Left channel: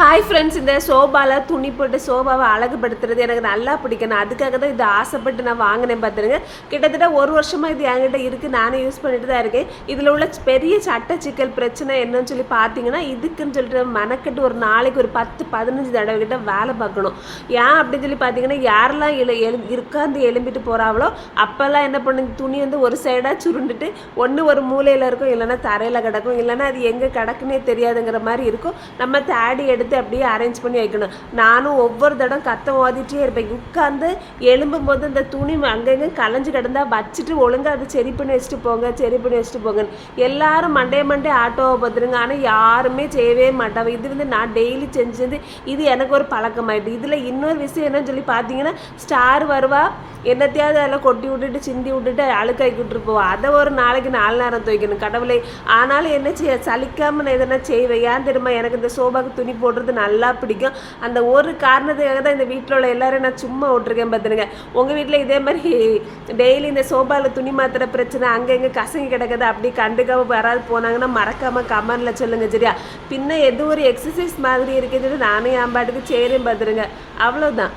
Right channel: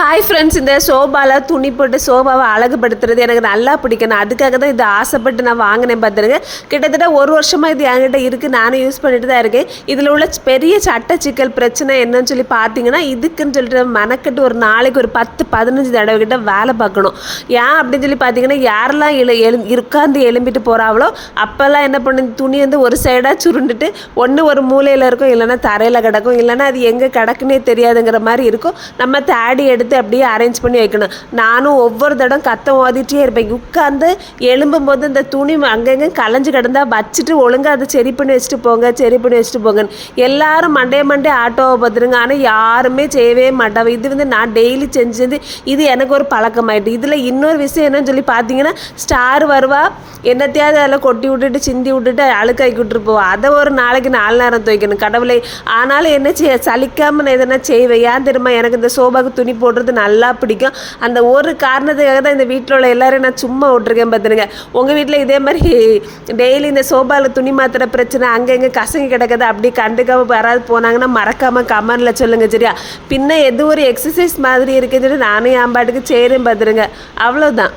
Hi friends இந்த சோபாவில் துணி போட்டு சோபாவை அழகுபடுத்துறது எனக்கு நல்லா பிடிக்கும். நான் அதுக்காக தான் இது ஆசைப்பட்டு நான் வாங்கினேன் பார்த்துருங்க. கிட்டத்தட்ட ஒரு வருஷமாக இது என்கிட்ட இருக்குது நானும் யூஸ் பண்ணிட்டு தான் இருக்கேன். இதில் உள்ள பெரிய சட்ட சிக்கல் பிரச்சனை என்னன்னு சொல்லி பார்த்தீங்கன்னா இதுக்குன்னு சொல்லிட்டு மெனக்கட்டு ஒரு நாளைக்கு ஒரு பத்து பதினஞ்சு தடவை கிட்ட வேலை பார்க்கணும். ஏன் அப்படின்னு சொல்லி பார்த்தீங்கன்னா யாரெல்லாம் எழு எழு உட்காந்து எலும்பிட்டு போகிறாங்களோ அப்போல்லாம் என்ன பண்ணு துணி வந்து ஒரு சைடாக சுருண்டுட்டு ஒன்று ஒரு மூலையில் இருக்கும் இல்லைன்னா தரையில் கிடக்கும் இல்லைன்னா அது எங்கே கிடக்குன்னே தெரியாதுங்கிற மாதிரி இருக்கும். நம்ம தேடி எடுத்து அப்படியே அரேஞ்ச் பண்ணி வைக்கணும். நானும் ஒவ்வொரு தடம் கத்த ஓதிட்டே இருப்பேன். உட்காந்து எழும்பும் போது இந்த துணி அங்கங்கே கலைஞ்சு கிடந்தா வச்சுட்டு ஒழுங்காக அதை சரி பண்ணி வச்சுட்டு போங்க சரி பண்ணி வச்சுட்டு போங்கன்னு. எல்லாரும் மண்டே மண்டே ஆட்டோவை பார்த்துருங்க. ஆனால் யாருமே செய்யவே மாட்டாங்க இது வந்து நான் டெய்லி செஞ்சது. இது எனக்கு ஒரு பழக்கமாயிட்டு. இதில் இன்னொரு விஷயம் என்னன்னு சொல்லி பார்த்தீங்கன்னா ஸ்டார் வருவா என்னத்தையாவது அதில் கொட்டி விட்டுட்டு சிந்தி விட்டுட்டு அழுக்காக்கி விட்டுட்டு போவா. அதை ஒரு நாளைக்கு நாலு நேரம் துவைக்கணும். கடவுளை ஆனாலும் என்ன செய்ய சலிக்காமல் நான் எதனா செய்வேன். ஏன் தெரியுமா? எனக்கு இந்த சோபாக்கு துணி போடுறது நல்லா பிடிக்கும். அந்த ஒரு காரணத்துக்காக தான் இந்த வீட்டில் உள்ள எல்லாரையும் நான் சும்மா விட்ருக்கேன் பார்த்துருங்க உங்கள் வீட்டில் இதே மாதிரி டெய்லி இந்த சோபாவில் துணி மாத்திர பிரச்சனை அங்கே இங்கே கசங்கி கிடக்குது அப்படி கண்டுக்காம யாராவது போனாங்கன்னா மறக்காமல் கமெண்டில் சொல்லுங்கள் சரியா? பின்ன எது ஒரு எக்ஸசைஸ் மாதிரி இருக்குதுன்னு நானே என் பாட்டுக்கு சேரும் பார்த்துருங்க அவ்வளோதான்